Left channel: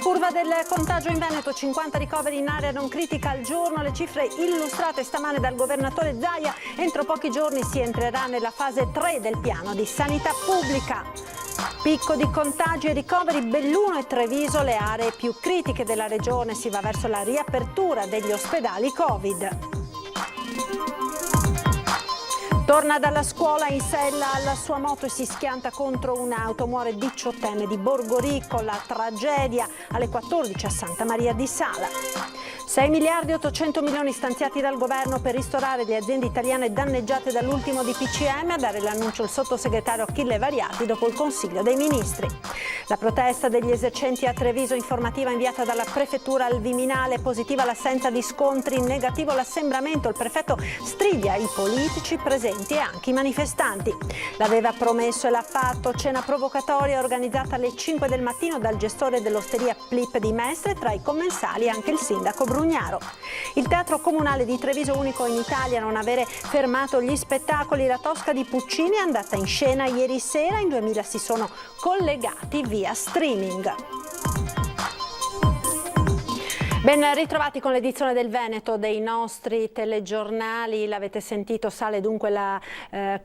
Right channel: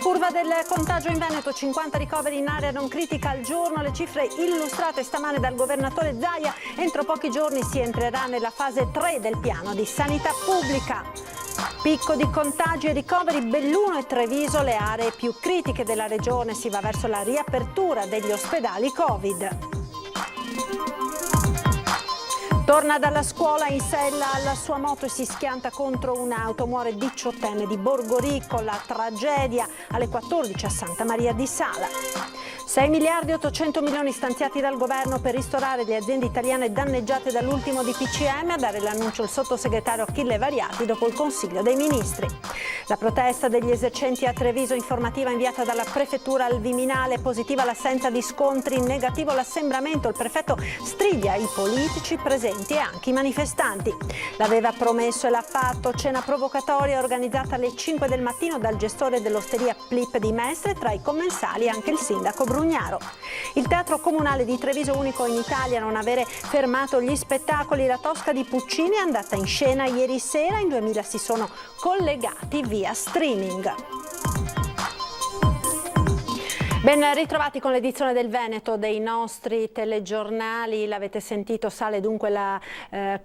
curva del contagio in Veneto, 50 ricoveri in area non critica al giorno, le cifre illustrate stamane dal governatore Zaia. Entro pochi giorni si entrerà nella fase 3 del piano di sanità pubblica. Picco di contagi e ricoveri, Belluno e Treviso le aree più critiche della regione, si va verso la riapertura degli ospedali Covid. Torna dalla scuola in sella alla sua moto e si schianta contro un'auto, muore 18enne di Borgoricco, la tragedia alle 14 a Santa Maria di Sala. 6 miliardi e 800 milioni stanziati dal governo per ristorare le aziende italiane danneggiate dall'ultimo DPCM, dare l'annuncio il sottosegretario Achille Variati dopo il Consiglio dei Ministri. La protesta degli esercenti a Treviso, informativa inviata dalla prefettura al Viminale, positiva l'assenza di scontri, negativo l'assembramento, il prefetto striglia i politici presenti e anche i manifestanti. L'aveva promesso e l'ha fatto, cena provocatoria organizzata alle 5 del mattino dal gestore dell'osteria Plip di Mestre, tra i commensali anche il sindaco Brugnaro. Il Teatro Comunale di Treviso, unico in Italia a non avere fermato gli spettacoli, La Tosca di Puccini è andata in scena ieri sera, in 2000 si sono collegati via streaming. Ben ritrovati con l'edizione del Veneto dei nostri telegiornali. L'avete sentito, sale dunque la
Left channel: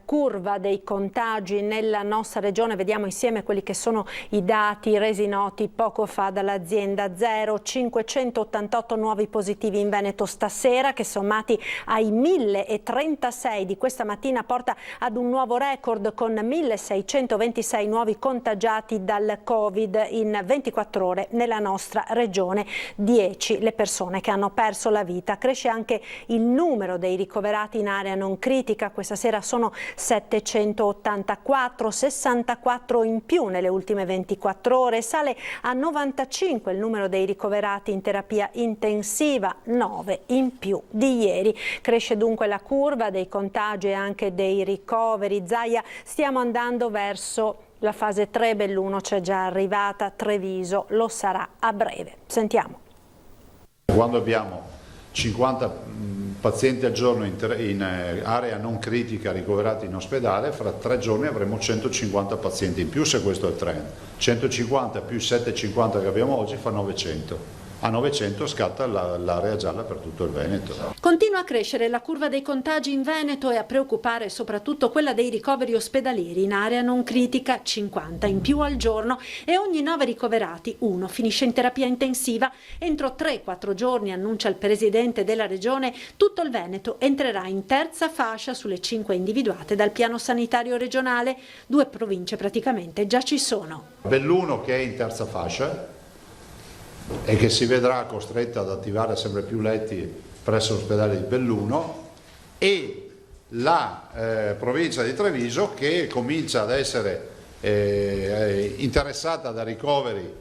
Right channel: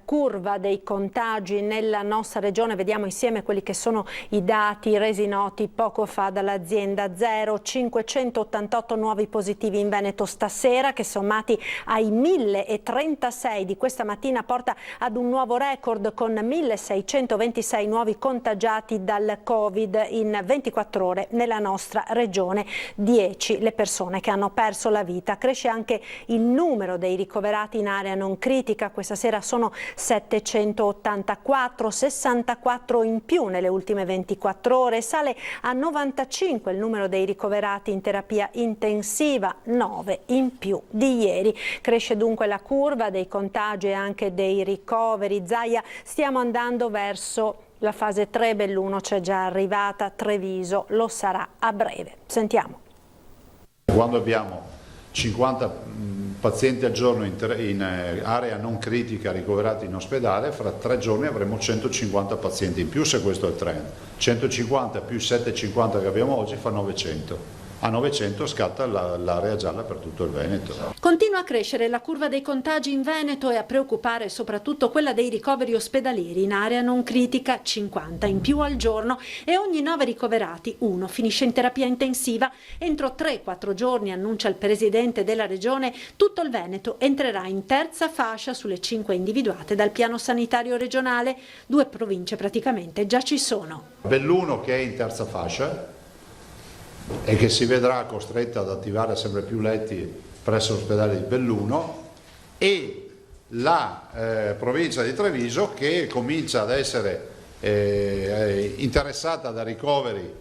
curva dei contagi nella nostra regione. Vediamo insieme quelli che sono i dati resi noti poco fa dall'azienda Zero. 588 nuovi positivi in Veneto stasera, che sommati ai 1036 di questa mattina porta ad un nuovo record con 1626 nuovi contagiati dal Covid in 24 ore nella nostra regione. 10 le persone che hanno perso la vita. Cresce anche il numero dei ricoverati in area non critica, questa sera sono 784, 64 in più nelle ultime 24 ore, sale a 95 il numero dei ricoverati in terapia intensiva, 9 in più di ieri. Cresce dunque la curva dei contagi e anche dei ricoveri. Zaia, stiamo andando verso la fase 3, Belluno c'è già arrivata, Treviso lo sarà a breve. Sentiamo. Quando abbiamo 50 pazienti al giorno in area non critica ricoverati in ospedale, fra 3 giorni avremo 150 pazienti in più, se questo è il trend. 150 più 750 che abbiamo oggi fa 900. A 900 scatta l'area gialla per tutto il Veneto. Continua a crescere la curva dei contagi in Veneto e a preoccupare soprattutto quella dei ricoveri ospedalieri in area non critica, 50 in più al giorno, e ogni 9 ricoverati, 1 finisce in terapia intensiva. Entro 3-4 giorni, annuncia il presidente della regione, tutto il Veneto entrerà in terza fascia sulle 5 individuate dal piano sanitario regionale. 2 province praticamente già ci sono. Belluno che è in terza fascia e che si vedrà costretta ad attivare sempre più letti presso l'ospedale di Belluno, e la provincia di Treviso che comincia ad essere interessata da ricoveri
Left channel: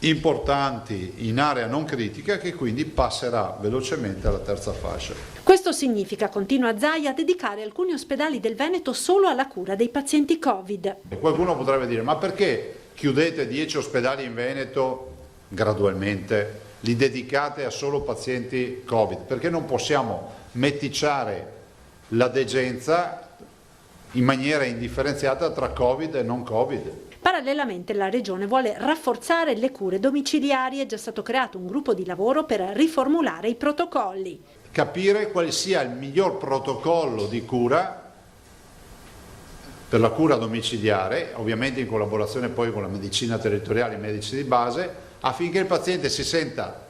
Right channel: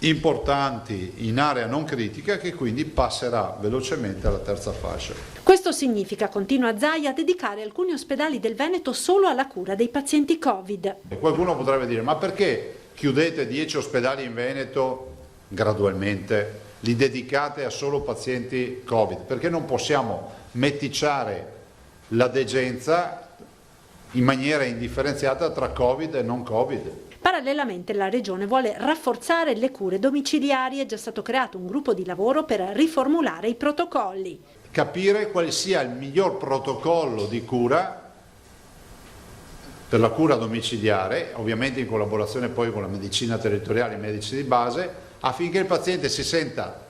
importanti in area non critica, che quindi passerà velocemente alla terza fascia. Questo significa, continua Zaia, dedicare alcuni ospedali del Veneto solo alla cura dei pazienti Covid. E qualcuno potrebbe dire: ma perché chiudete 10 ospedali in Veneto gradualmente, li dedicate a solo pazienti Covid? Perché non possiamo meticciare la degenza in maniera indifferenziata tra Covid e non Covid? Parallelamente la Regione vuole rafforzare le cure domiciliari. È già stato creato un gruppo di lavoro per riformulare i protocolli. Capire quale sia il miglior protocollo di cura per la cura domiciliare, ovviamente in collaborazione poi con la medicina territoriale e i medici di base, affinché il paziente si senta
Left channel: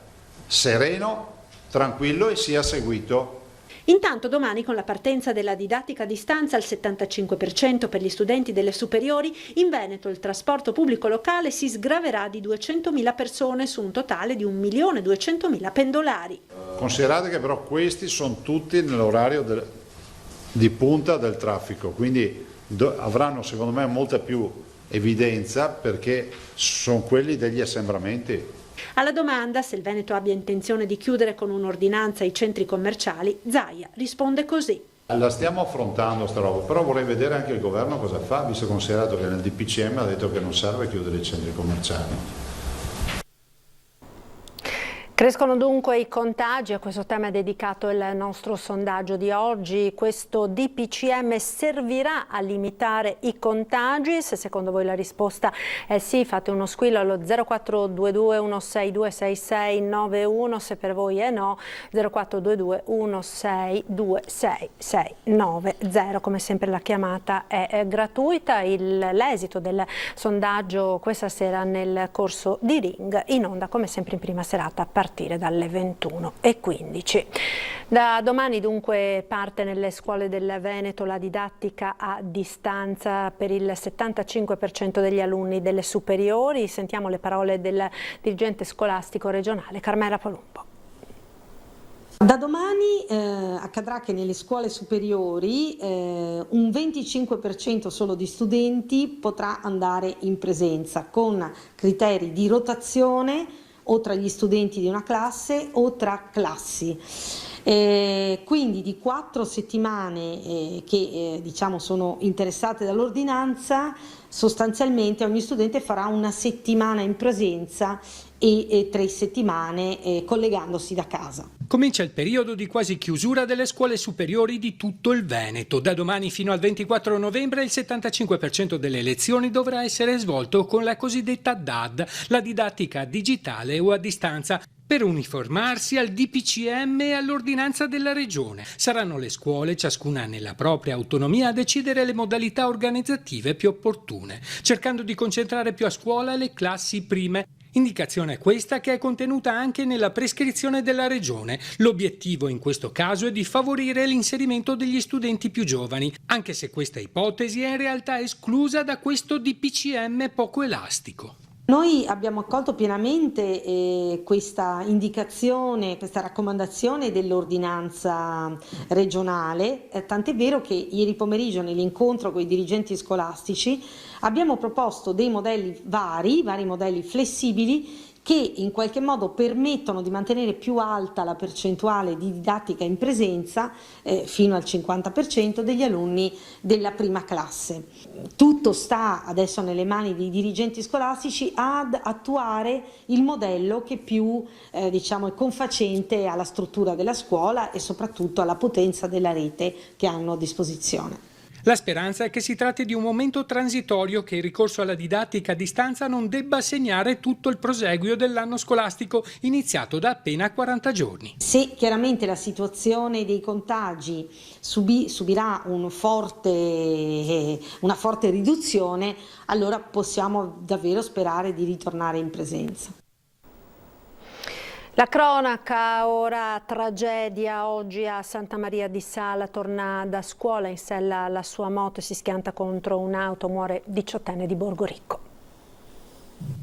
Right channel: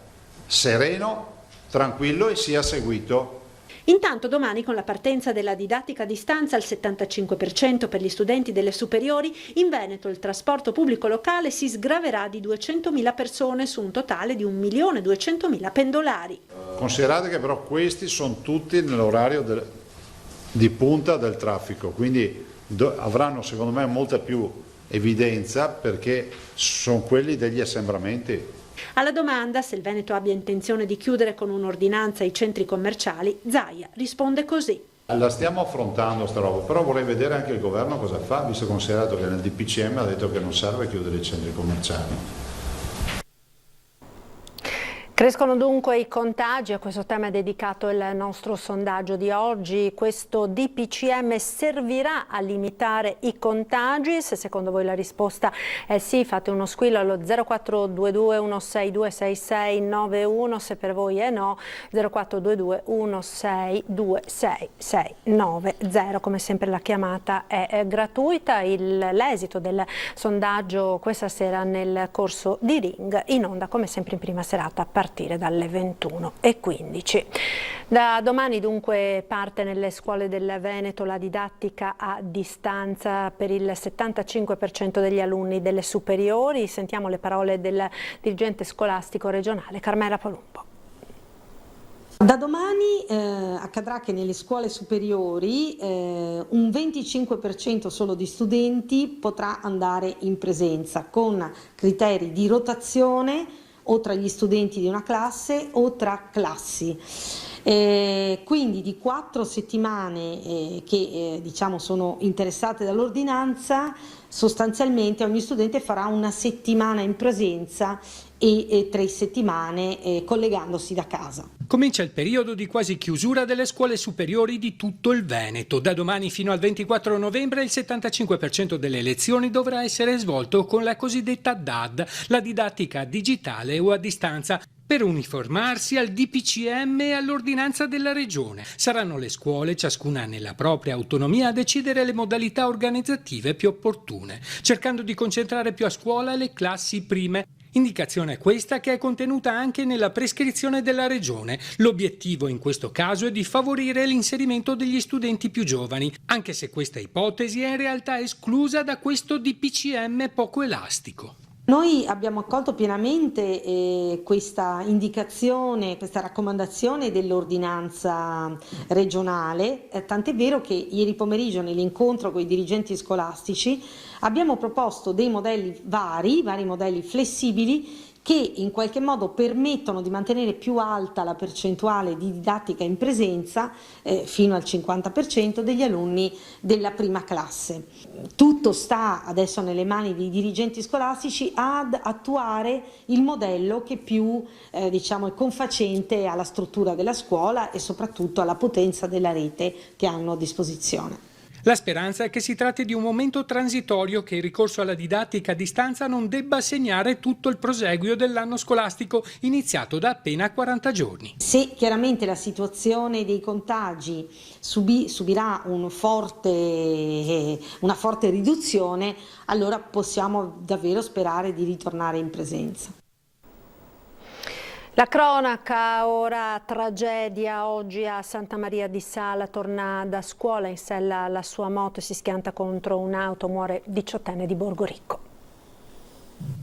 sereno, tranquillo e sia seguito. Intanto domani, con la partenza della didattica a distanza al 75% per gli studenti delle superiori, in Veneto il trasporto pubblico locale si sgraverà di 200.000 persone su un totale di 1.200.000 pendolari. Considerate che però questi sono tutti nell'orario di punta del traffico, quindi avranno secondo me molta più evidenza, perché sono quelli degli assembramenti. Alla domanda se il Veneto abbia intenzione di chiudere con un'ordinanza i centri commerciali, Zaia risponde così. La stiamo affrontando sta roba, però vorrei vedere anche il governo cosa fa, visto considerato che nel DPCM ha detto che non serve chiudere i centri commerciali. Crescono dunque i contagi, a questo tema è dedicato il nostro sondaggio di oggi. Questo DPCM servirà a limitare i contagi? Se secondo voi la risposta è sì, fate uno squillo allo 0422 162 6691, se per voi è no 0422 162 6690. Come sempre la chiamata è gratuita. L'esito del sondaggio questa sera nel corso di Ring, in onda come sempre in prima serata a partire dalle 21:15. Da domani dunque parte nelle scuole del Veneto la didattica a distanza per il 75% degli alunni delle superiori. Sentiamo le parole del dirigente scolastico regionale Carmela Palumbo. Da domani accadrà che nelle scuole superiori un 25% solo di studenti potrà andare in presenza con criteri di rotazione o tra gli studenti di una classe o tra classi. Quindi di 4 settimane che diciamo sono interessate dall'ordinanza, sostanzialmente ogni studente farà una settimana in presenza e 3 settimane collegandosi da casa. Comincia il periodo di quasi chiusura delle scuole superiori di tutto il Veneto. Da domani fino al 24 novembre il 75% delle lezioni dovrà essere svolto con la cosiddetta DAD, la didattica digitale o a distanza, per uniformarsi al DPCM e all'ordinanza della Regione. Saranno le scuole, ciascuna nella propria autonomia, a decidere le modalità organizzative più opportune, cercando di concentrare più a scuola le classi prime. Indicazione questa che è contenuta anche nella prescrizione della Regione. L'obiettivo in questo caso è di favorire l'inserimento degli studenti più giovani, anche se questa ipotesi è in realtà esclusa da questo DPCM poco elastico. Noi abbiamo accolto pienamente questa indicazione, questa raccomandazione dell'ordinanza regionale, tant'è vero che ieri pomeriggio nell'incontro con i dirigenti scolastici abbiamo proposto dei modelli vari modelli flessibili che in qualche modo permettono di mantenere più alta la percentuale di didattica in presenza fino al 50% degli alunni della prima classe. Tutto sta adesso nelle mani dei dirigenti scolastici ad attuare il modello che più è confacente alla struttura della scuola e soprattutto alla potenza della rete che hanno a disposizione. La speranza è che si tratti di un momento transitorio, che il ricorso alla didattica a distanza non debba segnare tutto il proseguio dell'anno scolastico iniziato da appena 40 giorni. Se chiaramente la situazione dei contagi subirà una forte riduzione, allora possiamo davvero sperare di ritornare in presenza. La cronaca, ora tragedia, oggi a Santa Maria di Sala, torna da scuola in sella alla sua moto e si schianta contro un'auto, muore 18enne di Borgoricco.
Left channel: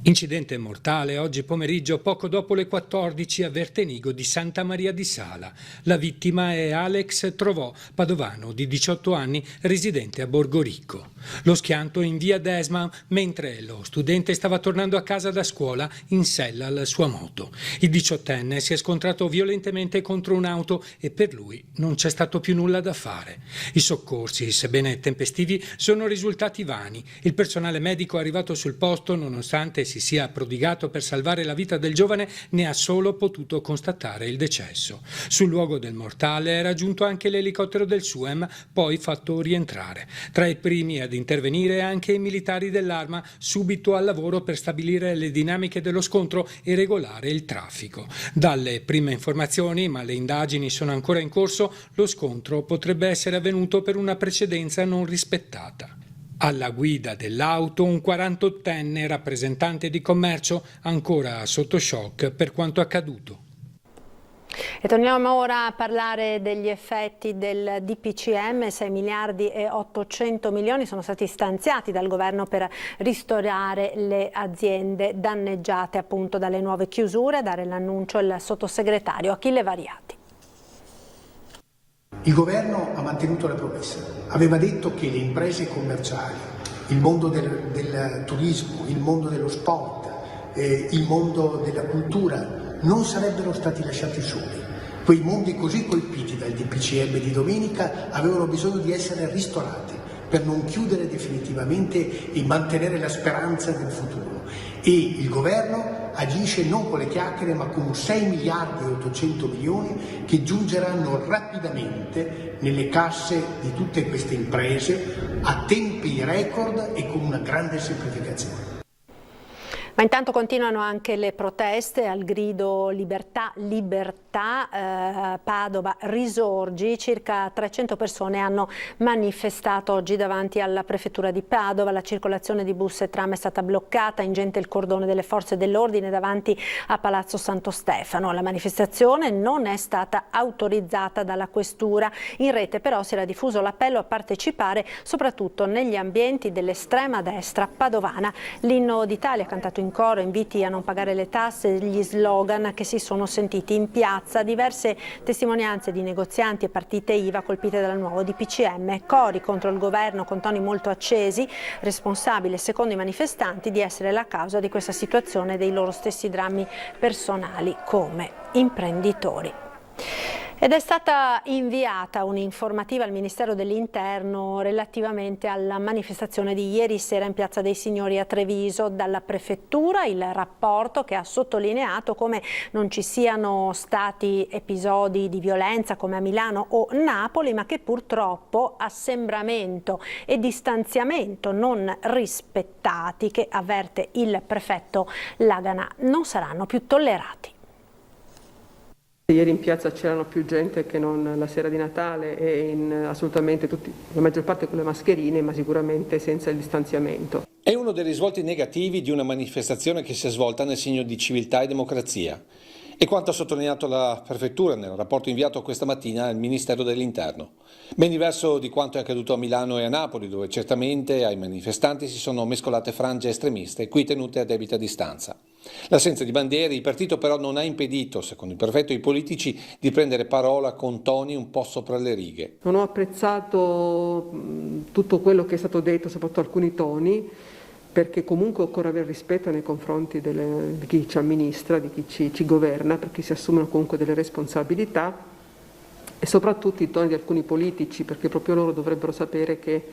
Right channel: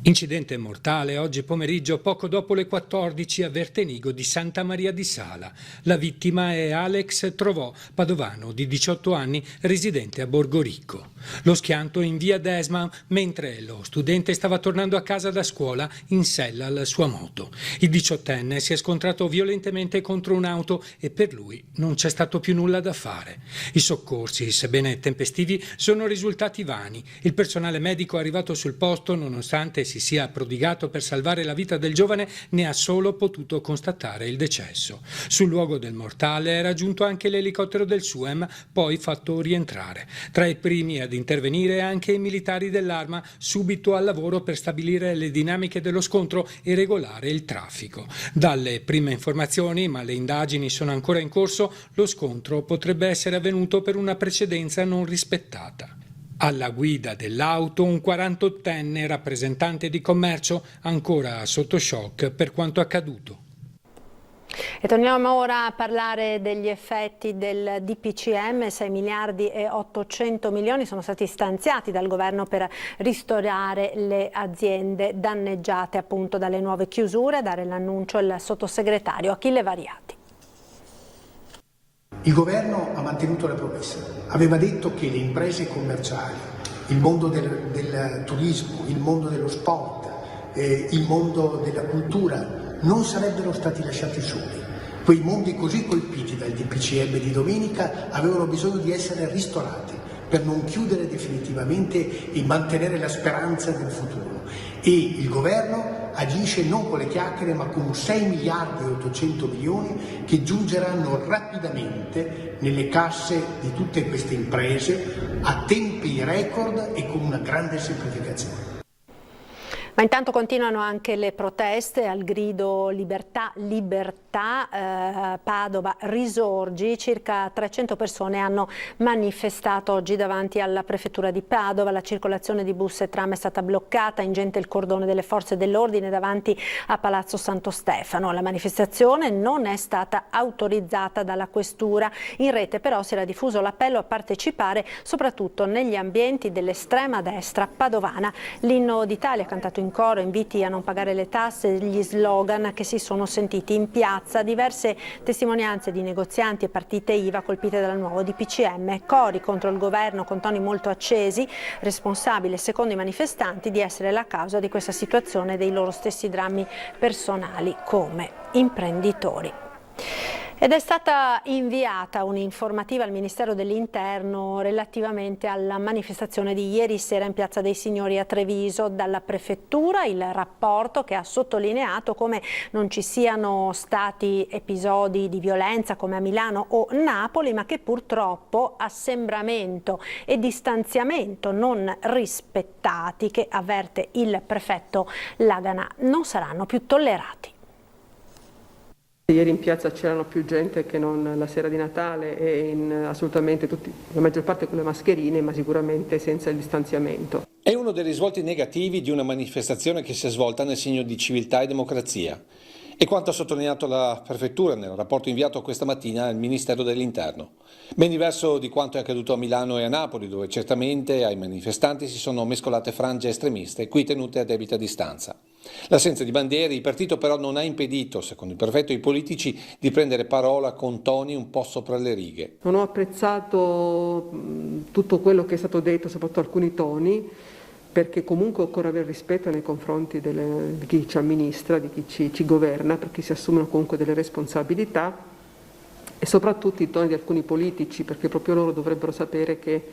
Incidente mortale oggi pomeriggio poco dopo le 14 a Vertenigo di Santa Maria di Sala. La vittima è Alex Trovò, padovano di 18 anni, residente a Borgoricco. Lo schianto in via Desma mentre lo studente stava tornando a casa da scuola in sella alla sua moto. Il 18enne si è scontrato violentemente contro un'auto e per lui non c'è stato più nulla da fare. I soccorsi, sebbene tempestivi, sono risultati vani. Il personale medico arrivato sul posto, nonostante si sia prodigato per salvare la vita del giovane, ne ha solo potuto constatare il decesso. Sul luogo del mortale era giunto anche l'elicottero del SUEM, poi fatto rientrare. Tra i primi ad intervenire anche i militari dell'Arma, subito al lavoro per stabilire le dinamiche dello scontro e regolare il traffico. Dalle prime informazioni, ma le indagini sono ancora in corso, lo scontro potrebbe essere avvenuto per una precedenza non rispettata. Alla guida dell'auto un 48enne rappresentante di commercio, ancora sotto shock per quanto accaduto. E torniamo ora a parlare degli effetti del DPCM. 6 miliardi e 800 milioni sono stati stanziati dal governo per ristorare le aziende danneggiate appunto dalle nuove chiusure. A dare l'annuncio il sottosegretario Achille Variati. Il governo ha mantenuto le promesse, aveva detto che le imprese commerciali, il mondo del turismo, il mondo dello sport, il mondo della cultura non sarebbero stati lasciati soli. Quei mondi così colpiti dal DPCM di domenica avevano bisogno di essere ristorati per non chiudere definitivamente e mantenere la speranza del futuro. E il governo agisce non con le chiacchiere ma con 6 miliardi e 800 milioni che giungeranno rapidamente nelle casse di tutte queste imprese a tempi record e con una grande semplificazione. Ma intanto continuano anche le proteste al grido libertà, libertà, Padova risorgi, circa 300 persone hanno manifestato oggi davanti alla prefettura di Padova, la circolazione di bus e tram è stata bloccata, ingente il cordone delle forze dell'ordine davanti a Palazzo Santo Stefano. La manifestazione non è stata autorizzata dalla questura, in rete però si era diffuso l'appello a partecipare soprattutto negli ambienti dell'estrema destra padovana. L'inno d'Italia cantato in coro, inviti a non pagare le tasse, gli slogan che si sono sentiti in piazza, diverse testimonianze di negozianti e partite IVA colpite dal nuovo DPCM, cori contro il governo con toni molto accesi, responsabile secondo i manifestanti di essere la causa di questa situazione e dei loro stessi drammi personali come imprenditori. Ed è stata inviata un'informativa al Ministero dell'Interno relativamente alla manifestazione di ieri sera in Piazza dei Signori a Treviso dalla Prefettura, il rapporto che ha sottolineato come non ci siano stati episodi di violenza come a Milano o Napoli, ma che purtroppo assembramento e distanziamento non rispettati, che avverte il prefetto Lagana, non saranno più tollerati. Ieri in piazza c'erano più gente che non la sera di Natale e assolutamente tutti, la maggior parte con le mascherine, ma sicuramente senza il distanziamento. È uno dei risvolti negativi di una manifestazione che si è svolta nel segno di civiltà e democrazia. E quanto ha sottolineato la Prefettura nel rapporto inviato questa mattina al Ministero dell'Interno. Ben diverso di quanto è accaduto a Milano e a Napoli, dove certamente ai manifestanti si sono mescolate frange estremiste, qui tenute a debita distanza. L'assenza di bandiere, il partito però non ha impedito, secondo il prefetto, ai politici di prendere parola con toni un po' sopra le righe. Non ho apprezzato tutto quello che è stato detto, soprattutto alcuni toni, perché comunque occorre avere rispetto nei confronti di chi ci amministra, di chi ci governa, perché si assumono comunque delle responsabilità, e soprattutto i toni di alcuni politici, perché proprio loro dovrebbero sapere che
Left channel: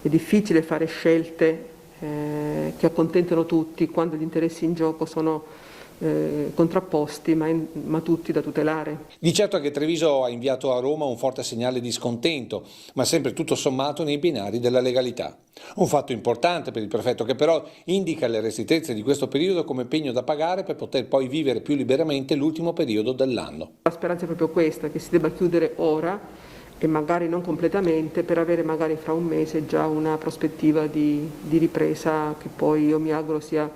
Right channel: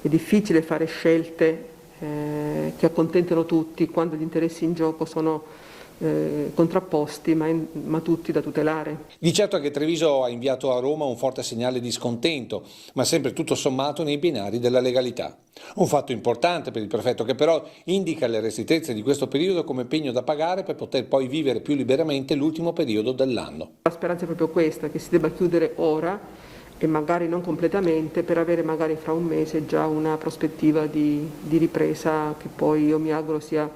è difficile fare scelte che accontentano tutti quando gli interessi in gioco sono contrapposti ma tutti da tutelare. Di certo è che Treviso ha inviato a Roma un forte segnale di scontento, ma sempre tutto sommato nei binari della legalità. Un fatto importante per il prefetto che però indica le restrettezze di questo periodo come pegno da pagare per poter poi vivere più liberamente l'ultimo periodo dell'anno. La speranza è proprio questa, che si debba chiudere ora e magari non completamente, per avere magari fra un mese già una prospettiva di ripresa che poi io mi auguro sia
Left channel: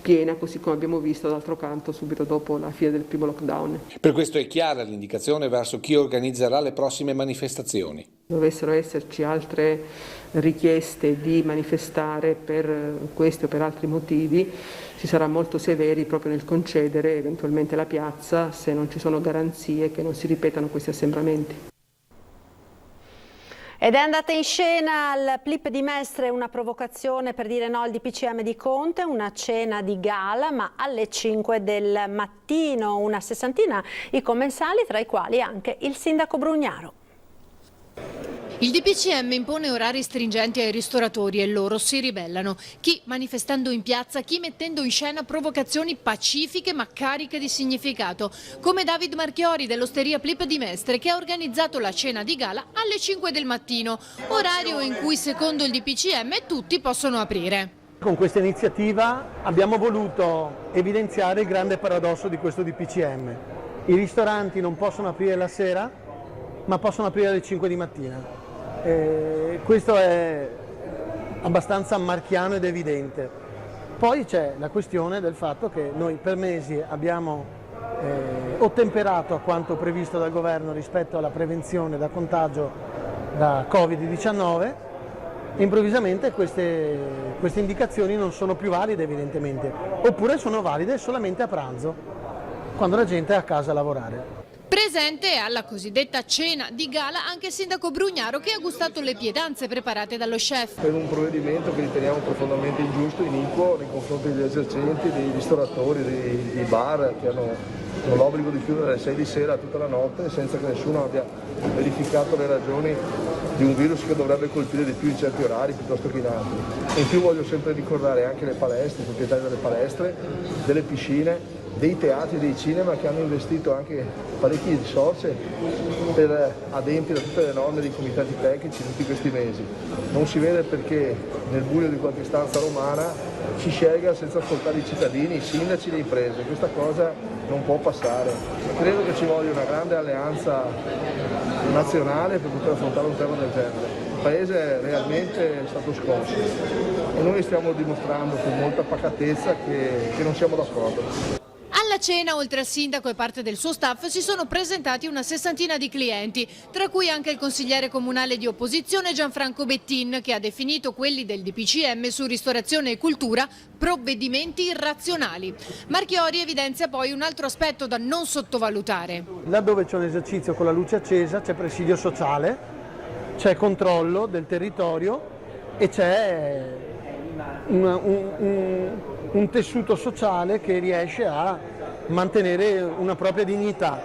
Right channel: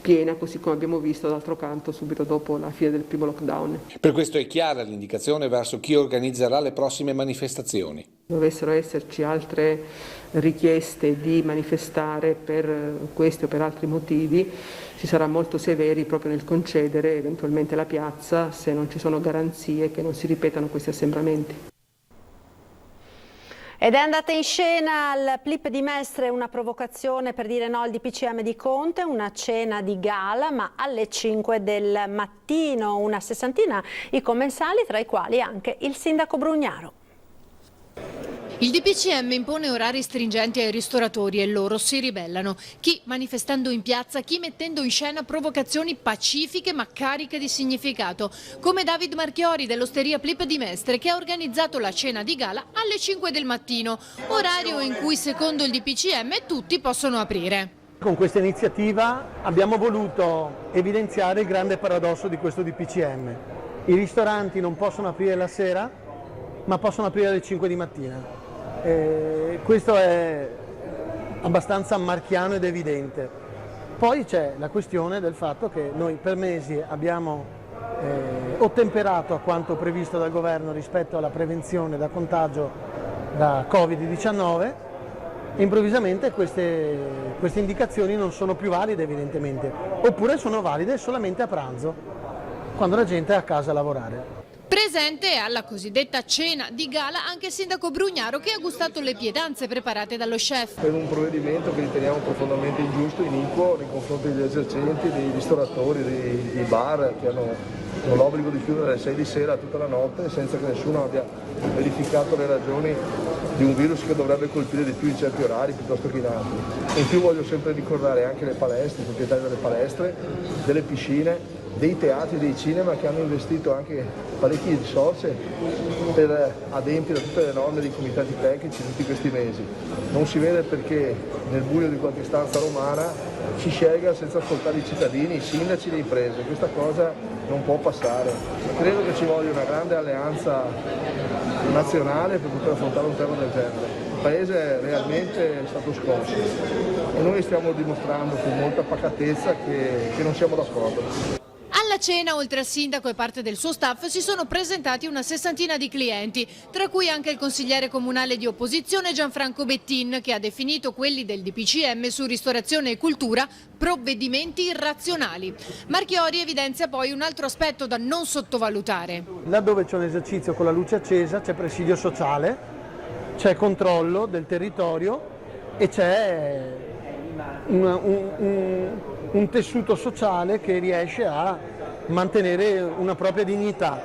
piena, così come abbiamo visto d'altro canto subito dopo la fine del primo lockdown. Per questo è chiara l'indicazione verso chi organizzerà le prossime manifestazioni. Dovessero esserci altre richieste di manifestare per questi o per altri motivi, si sarà molto severi proprio nel concedere eventualmente la piazza se non ci sono garanzie che non si ripetano questi assembramenti. Ed è andata in scena al Plip di Mestre una provocazione per dire no al DPCM di Conte, una cena di gala ma alle 5 del mattino, una sessantina i commensali, tra i quali anche il sindaco Brugnaro. Il DPCM impone orari stringenti ai ristoratori e loro si ribellano, chi manifestando in piazza, chi mettendo in scena provocazioni pacifiche ma cariche di significato, come David Marchiori dell'osteria Plip di Mestre che ha organizzato la cena di gala alle 5 del mattino, orario in cui secondo il DPCM tutti possono aprire. Con questa iniziativa abbiamo voluto evidenziare il grande paradosso di questo DPCM. I ristoranti non possono aprire la sera, ma possono aprire alle 5 di mattina. Questo è abbastanza marchiano ed evidente. Poi c'è la questione del fatto che noi per mesi abbiamo ottemperato a quanto previsto dal governo rispetto alla prevenzione da contagio da Covid-19 e improvvisamente queste indicazioni non sono più valide evidentemente, oppure sono valide solamente a pranzo, quando la gente è a casa a lavorare. Presente alla cosiddetta cena di gala anche il sindaco Brugnaro che ha gustato le pietanze preparate dallo chef. È un provvedimento che riteniamo profondamente ingiusto e iniquo nei confronti degli esercenti, dei ristoratori, dei bar che hanno l'obbligo di chiudere alle 6 di sera tutta la notte senza che nessuno abbia verificato le ragioni di un virus che dovrebbe colpire di più in certi orari piuttosto che in altri. In più voglio sempre ricordare anche le palestre, i proprietari delle palestre, delle piscine, dei teatri, dei cinema che hanno investito anche parecchie risorse per adempiere a tutte le norme dei comitati tecnici tutti questi mesi. Non si vede perché nel buio di qualche stanza romana si scelga senza ascoltare i cittadini, i sindaci e le imprese. Questa cosa non può passare. Credo che ci voglia una grande alleanza nazionale per poter affrontare un tema del genere. Il paese è realmente stato sconfitto e noi stiamo dimostrando con molta pacatezza che non siamo d'accordo. Alla cena, oltre al sindaco e parte del suo staff, si sono presentati una sessantina di clienti, tra cui anche il consigliere comunale di opposizione Gianfranco Bettin, che ha definito quelli del DPCM su ristorazione e cultura provvedimenti irrazionali. Marchiori evidenzia poi un altro aspetto da non sottovalutare. Laddove c'è un esercizio con la luce accesa c'è presidio sociale, c'è controllo del territorio e c'è un tessuto sociale che riesce a mantenere una propria dignità.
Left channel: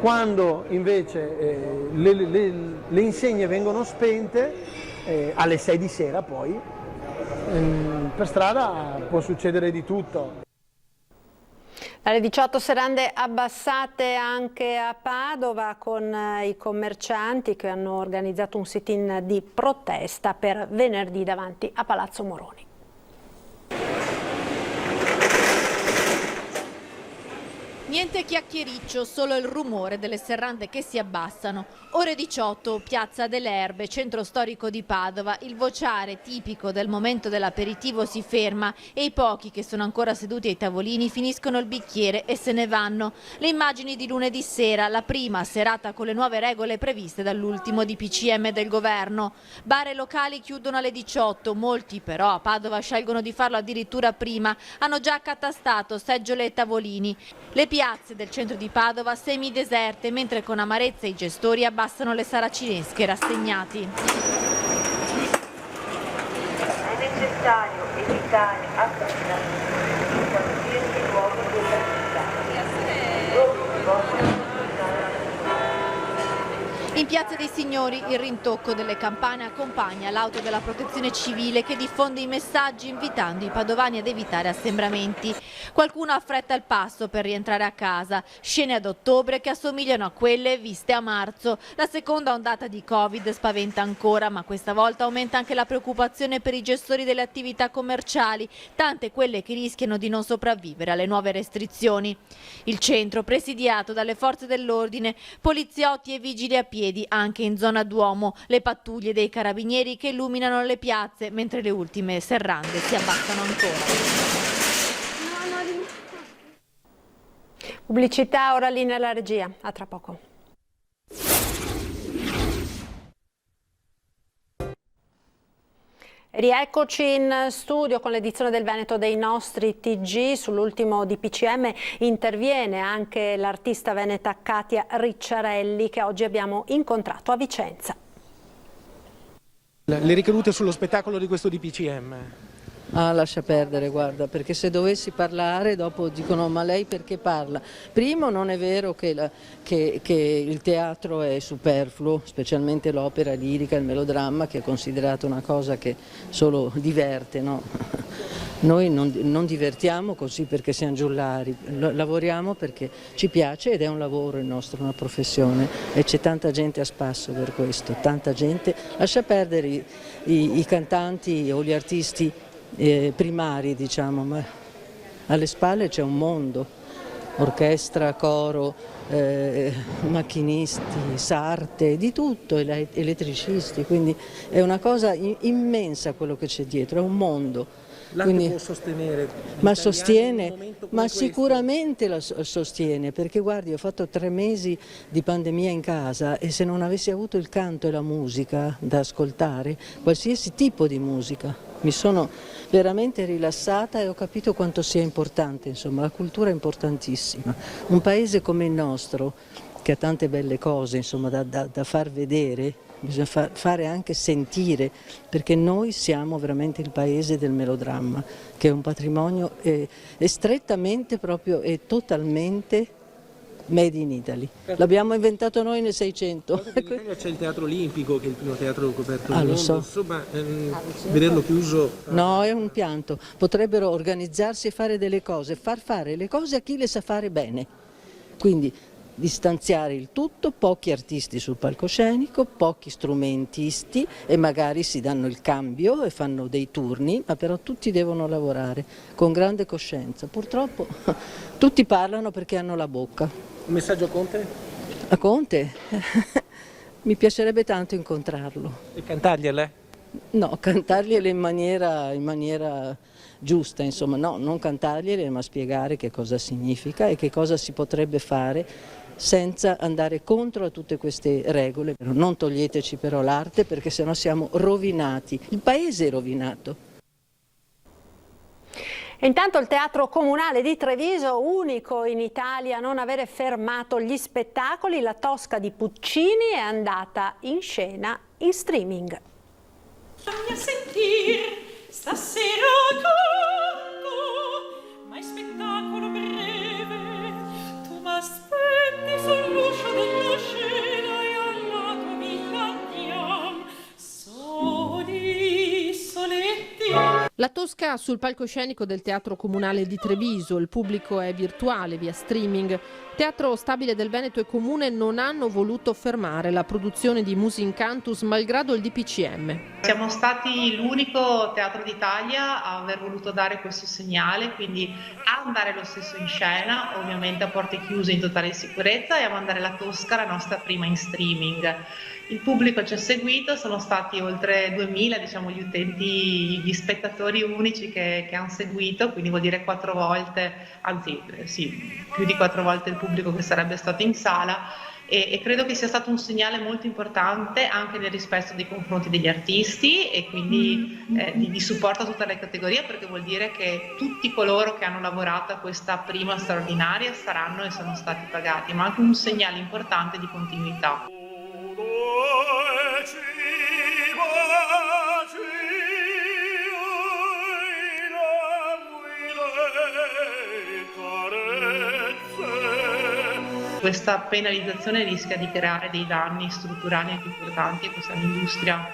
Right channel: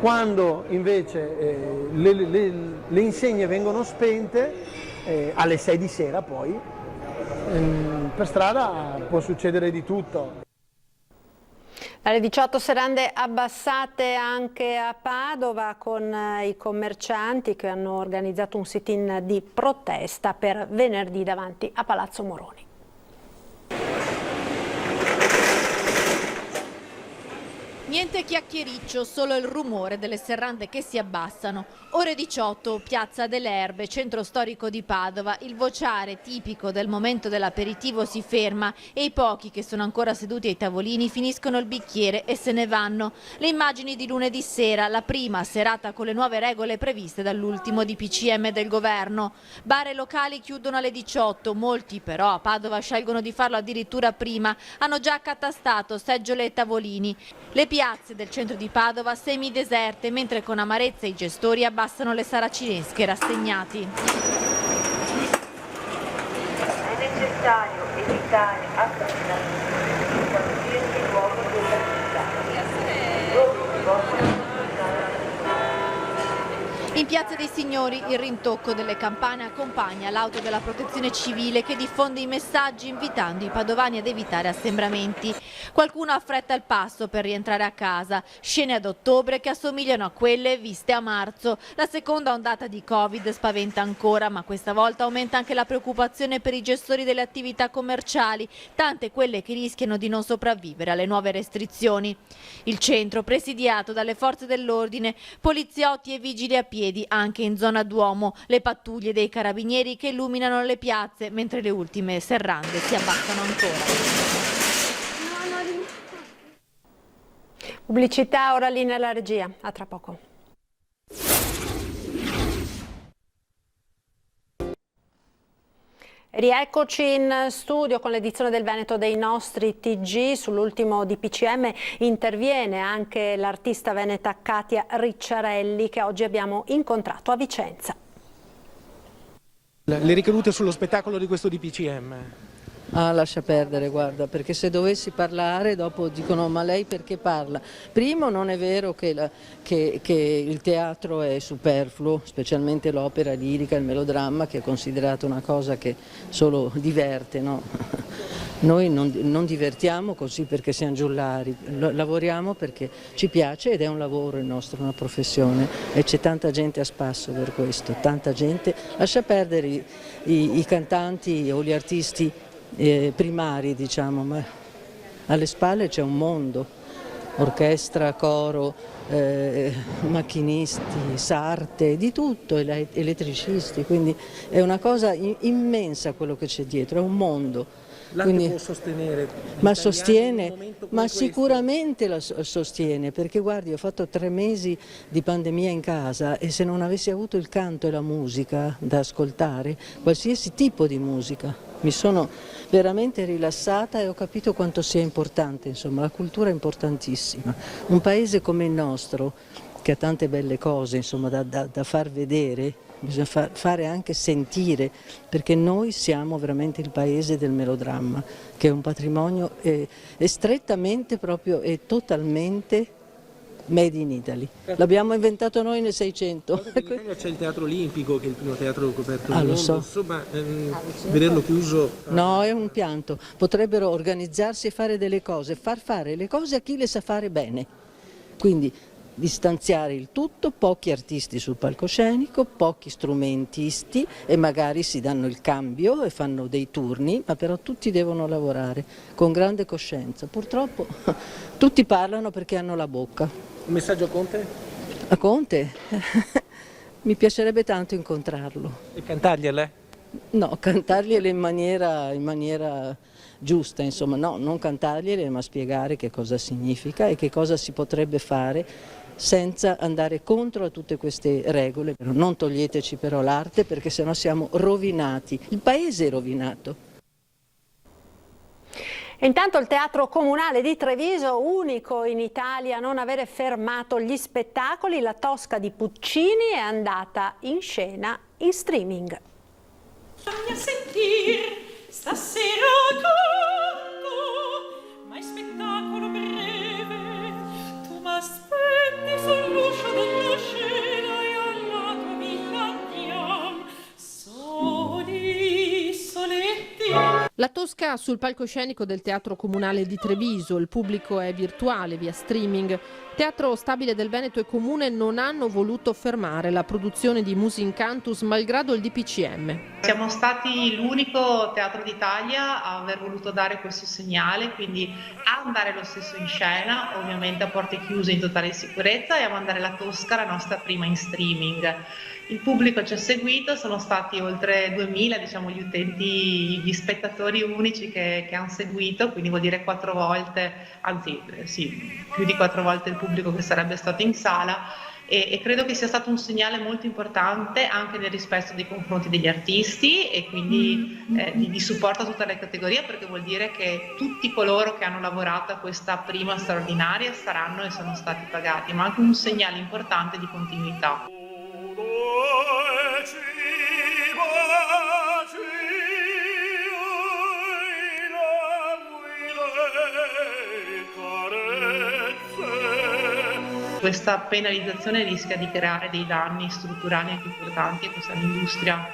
Quando invece le insegne vengono spente alle 6 di sera poi per strada può succedere di tutto. Alle 18 serrande abbassate anche a Padova con i commercianti che hanno organizzato un sit-in di protesta per venerdì davanti a Palazzo Moroni. Niente chiacchiericcio, solo il rumore delle serrande che si abbassano. Ore 18, Piazza delle Erbe, centro storico di Padova. Il vociare tipico del momento dell'aperitivo si ferma e i pochi che sono ancora seduti ai tavolini finiscono il bicchiere e se ne vanno. Le immagini di lunedì sera, la prima serata con le nuove regole previste dall'ultimo DPCM del governo. Bar e locali chiudono alle 18, molti però a Padova scelgono di farlo addirittura prima. Hanno già accatastato seggiole e tavolini. Le piazze del centro di Padova semideserte, mentre con amarezza i gestori abbassano le saracinesche rassegnati. È necessario evitare associazioni qualsiasi luogo della In Piazza dei Signori il rintocco delle campane accompagna l'auto della protezione civile che diffonde i messaggi invitando i padovani ad evitare assembramenti. Qualcuno affretta il passo per rientrare a casa. Scene ad ottobre che assomigliano a quelle viste a marzo. La seconda ondata di Covid spaventa ancora, ma questa volta aumenta anche la preoccupazione per i gestori delle attività commerciali, tante quelle che rischiano di non sopravvivere alle nuove restrizioni. Il centro presidiato dalle forze dell'ordine, poliziotti e vigili a piedi anche in zona Duomo, le pattuglie dei carabinieri che illuminano le piazze mentre le ultime serrande si abbassano ancora. Pubblicità, ora linea alla regia, a tra poco. Rieccoci in studio con l'edizione del Veneto dei nostri TG. Sull'ultimo DPCM interviene anche l'artista veneta Katia Ricciarelli che oggi abbiamo incontrato a Vicenza. Le ricadute sullo spettacolo di questo DPCM? Ah, lascia perdere, guarda, perché se dovessi parlare dopo dicono ma lei perché parla? Primo, non è vero che il teatro è superfluo, specialmente l'opera lirica, il melodramma, che è considerato una cosa che solo diverte, no? Noi non divertiamo così perché siamo giullari, lavoriamo perché ci piace ed è un lavoro il nostro, una professione, e c'è tanta gente a spasso per questo, tanta gente. Lascia perdere i cantanti o gli artisti primari, diciamo, ma alle spalle c'è un mondo, orchestra, coro, macchinisti, sarte, di tutto, elettricisti, quindi è una cosa immensa quello che c'è dietro, è un mondo. L'arte può sostenere? Ma sostiene, ma sicuramente la sostiene, perché guardi, ho fatto 3 mesi di pandemia in casa e se non avessi avuto il canto e la musica da ascoltare, qualsiasi tipo di musica, mi sono veramente rilassata e ho capito quanto sia importante, insomma, la cultura è importantissima. Un paese come il nostro, che ha tante belle cose, insomma, da far vedere, bisogna fare anche sentire, perché noi siamo veramente il paese del melodramma, che è un patrimonio è strettamente proprio e totalmente Made in Italy. L'abbiamo inventato noi nel 600. In Italia c'è il Teatro Olimpico, che è il primo teatro coperto del lo mondo, so. insomma, vederlo chiuso... No, è un pianto. Potrebbero organizzarsi e fare delle cose, far fare le cose a chi le sa fare bene. Quindi distanziare il tutto, pochi artisti sul palcoscenico, pochi strumentisti e magari si danno il cambio e fanno dei turni, ma però tutti devono lavorare con grande coscienza. Purtroppo tutti parlano perché hanno la bocca. Un messaggio a Conte? A Conte? Mi piacerebbe tanto incontrarlo. E cantargliele? No, cantargliele in maniera giusta, insomma, no, non cantargliele, ma spiegare che cosa significa e che cosa si potrebbe fare senza andare contro a tutte queste regole. Non toglieteci però l'arte, perché sennò siamo rovinati, il paese è rovinato. E intanto il Teatro Comunale di Treviso, unico in Italia a non avere fermato gli spettacoli, La Tosca di Puccini è andata in scena in streaming. Fammi sentire stasera canto, ma è spettacolo breve, tu m'aspetti sull'uscio della scena e alla camilla andiamo, soli, soletti. La Tosca sul palcoscenico del Teatro Comunale di Treviso, il pubblico è virtuale via streaming. Teatro Stabile del Veneto e Comune non hanno voluto fermare la produzione di Musicantus malgrado il DPCM. Siamo stati l'unico teatro d'Italia a aver voluto dare questo segnale, quindi a andare lo stesso in scena, ovviamente a porte chiuse in totale sicurezza, e a mandare La Tosca, la nostra prima in streaming. Il pubblico ci ha seguito, sono stati oltre 2000 gli utenti, gli spettatori unici che hanno seguito, quindi vuol dire 4 volte, anzi sì, più di 4 volte il pubblico che sarebbe stato in sala, e credo che sia stato un segnale molto importante anche nel rispetto nei confronti degli artisti e quindi di supporto a tutte le categorie, perché vuol dire che tutti coloro che hanno lavorato a questa prima straordinaria saranno e sono stati pagati, ma anche un segnale importante di continuità. Questa penalizzazione rischia di creare dei danni strutturali anche importanti a questa industria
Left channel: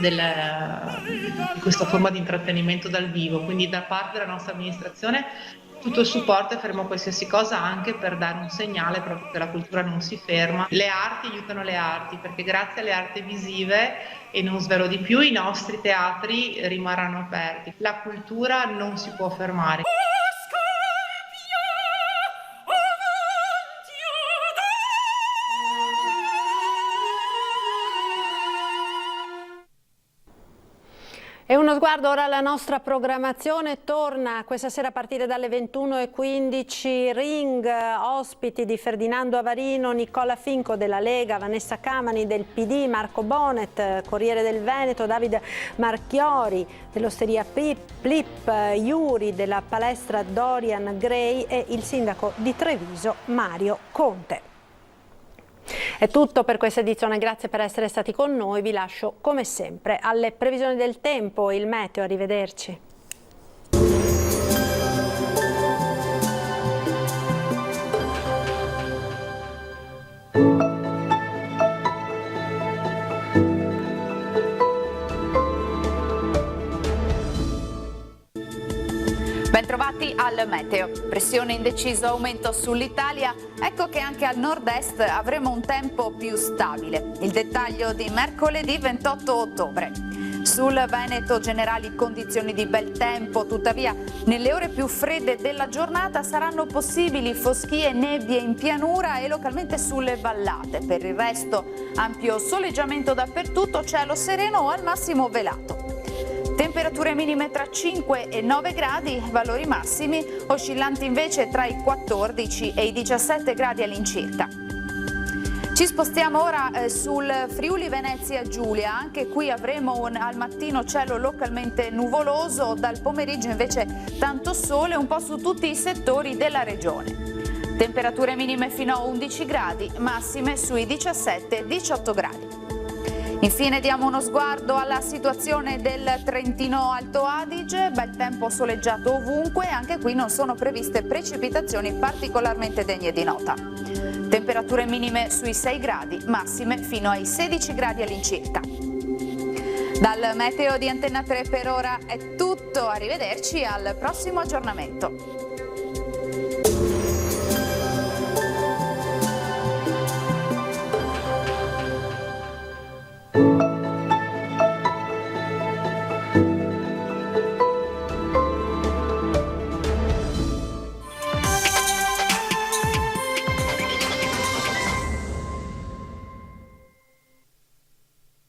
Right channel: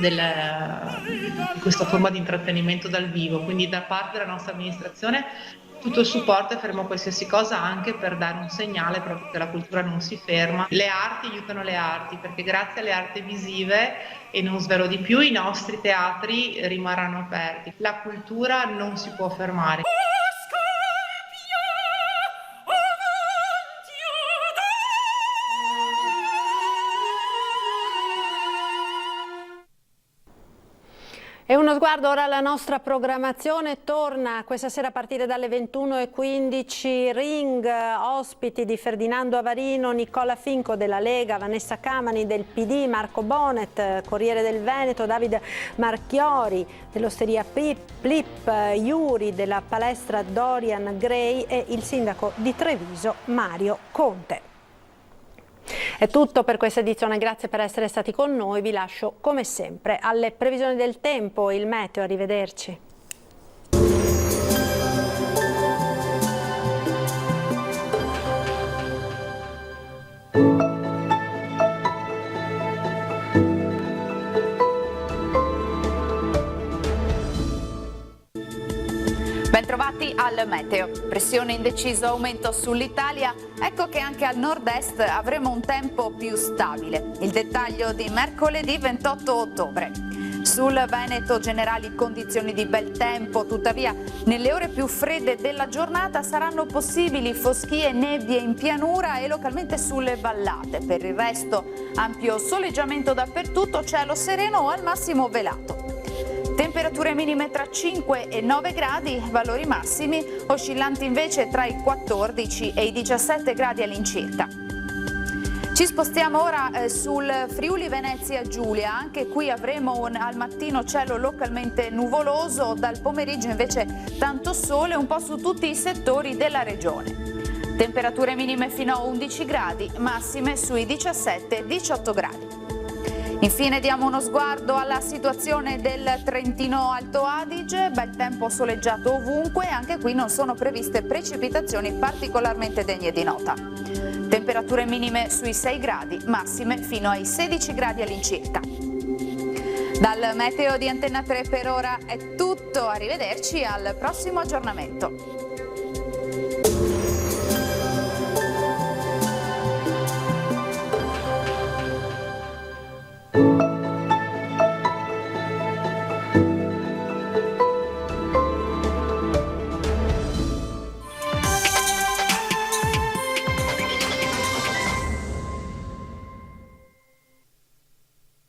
di questa forma di intrattenimento dal vivo, quindi da parte della nostra amministrazione tutto il supporto e faremo qualsiasi cosa anche per dare un segnale proprio che la cultura non si ferma. Le arti aiutano le arti, perché grazie alle arti visive, e non svelo di più, i nostri teatri rimarranno aperti. La cultura non si può fermare. E uno sguardo ora alla nostra programmazione. Torna questa sera a partire dalle 21:15 Ring, ospiti di Ferdinando Avarino, Nicola Finco della Lega, Vanessa Camani del PD, Marco Bonet, Corriere del Veneto, Davide Marchiori dell'Osteria Plip, Iuri della palestra Dorian Gray e il sindaco di Treviso Mario Conte. È tutto per questa edizione, grazie per essere stati con noi, vi lascio come sempre alle previsioni del tempo, il meteo, arrivederci. Bentrovati al meteo. Pressione in deciso aumento sull'Italia, ecco che anche al nord-est avremo un tempo più stabile. Il dettaglio di mercoledì 28 ottobre. Sul Veneto generali condizioni di bel tempo, tuttavia nelle ore più fredde della giornata saranno possibili foschie e nebbie in pianura e localmente sulle vallate. Per il resto ampio soleggiamento dappertutto, cielo sereno o al massimo velato. Temperature minime tra 5 e 9 gradi, valori massimi oscillanti invece tra i 14 e i 17 gradi all'incirca. Ci spostiamo ora sul Friuli Venezia Giulia, anche qui avremo al mattino cielo localmente nuvoloso, dal pomeriggio invece tanto sole un po' su tutti i settori della regione. Temperature minime fino a 11 gradi, massime sui 17-18 gradi. Infine diamo uno sguardo alla situazione del Trentino Alto Adige, bel tempo soleggiato ovunque, anche qui non sono previste precipitazioni particolarmente degne di nota. temperature minime sui 6 gradi, massime fino ai 16 gradi all'incirca. Dal meteo di Antenna 3 per ora è tutto, arrivederci al prossimo aggiornamento.